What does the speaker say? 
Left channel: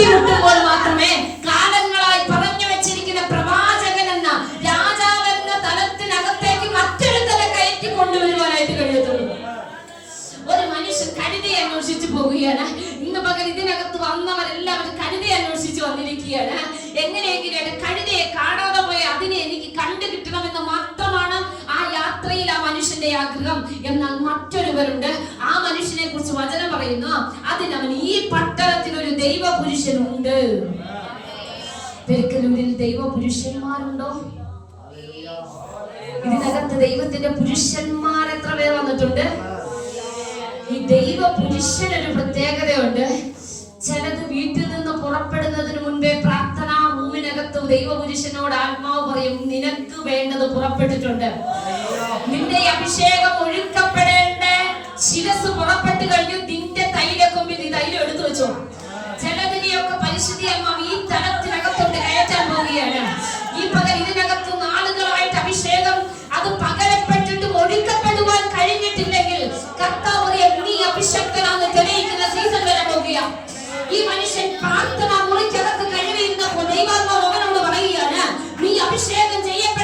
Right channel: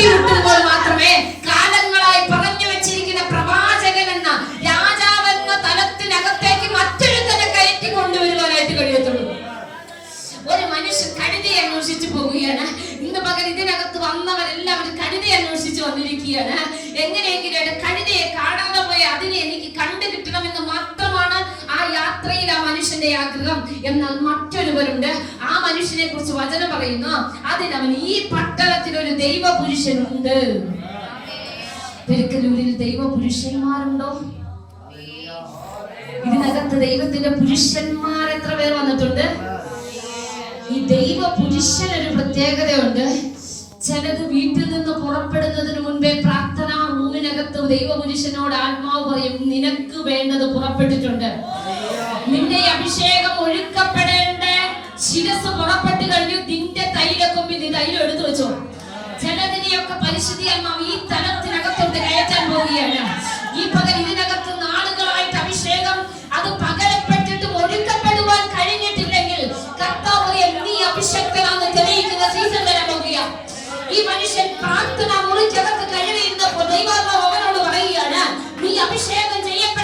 കണ്ടുമുട്ടുമ്പോൾ മാത്രമേ കാലങ്ങളായി പറഞ്ഞു വെച്ചിരിക്കുന്ന പ്രവാചകൻ എന്ന രാജാവെന്ന തലത്തിനകത്തേക്ക് മറ്റൊരുത്തനെ കയറ്റി കൊണ്ടുവരുവാനായിട്ട് കഴിയത്തുള്ളൂ. ഒരു മനുഷ്യൻ കഴുതയെ അന്വേഷിച്ചു പോവുകയാണ്. ഇന്ന് പകരം ഇതിനകത്ത് വന്നവരെല്ലാവരും കഴുതയെ അന്വേഷിച്ച് വന്നിരിക്കുകയാണ്. എങ്ങനെയെങ്കിലും കഴുതയെ കാണാതെ പോയ അതിനെ എനിക്ക് കണ്ടു കിട്ടണമെന്ന് മാത്രമാണ് ആ യാത്രയിൽ ആ മനുഷ്യന്റെ ആഗ്രഹം. എന്നാൽ മറ്റൊരുവരുണ്ട്, ആ മനുഷ്യനെ കുറിച്ച് വചനം പറയുന്നു, അതിനവൻ ഈ പട്ടണത്തിൽ ഒരു ദൈവ പുരുഷനുണ്ട്. പെരുക്കലൂരിൽ ദൈവ പുരുഷന്മാരുണ്ടോ? ഇതിനകത്ത് ദൈവത്തിന്റെ പുരുഷന്മാർ എത്ര പേർ വന്നിട്ടുണ്ട്? ഈ ദൈവ പുരുഷനൊരു പ്രത്യേകതയുണ്ട്. ചിലത് വീട്ടിൽ നിന്ന് പുറപ്പെടുന്നതിന് മുൻപേ പ്രാർത്ഥനാ റൂമിനകത്ത് ദൈവ പുരുഷനോട് ആത്മാവ് പറയും, നിനക്ക് വേണ്ടത് പുറപ്പെട്ടിട്ടുണ്ട്. നിന്റെ അഭിഷേകം ഒഴുക്കപ്പെടേണ്ട ശിരസ് പുറപ്പെട്ട് കഴിഞ്ഞു. നിന്റെ തൈലക്കൊമ്പിൽ നീ തൈലം എടുത്തു വെച്ചോ. ചിലതിനെയൊക്കെ പരിശുദ്ധി ആത്മാവ് ഈ തലത്തിനകത്തോട്ട് കയറ്റാൻ പോവുകയാണ്. ഈ പകൽ ഇതിനകത്ത് നാളുകളായിട്ട് അഭിഷേകം അത് പകരപ്പെട്ടിട്ടും ഒഴുക്കപ്പെടുവാൻ കഴിഞ്ഞിട്ടില്ലെങ്കിൽ കർത്താവ് നീ അഭിഷക്തനാണെന്ന് തെളിയിക്കുന്ന സീസൺ വരെ പോകുക. ഈ മനുഷ്യൻ പ്രാർത്ഥന മുറിക്കകത്ത് കഴിവിരുന്നപ്പോൾ ദൈവം അവനോട് പറയുകയാണ്, നീ അഭിഷേകം ചെയ്യപ്പെട്ട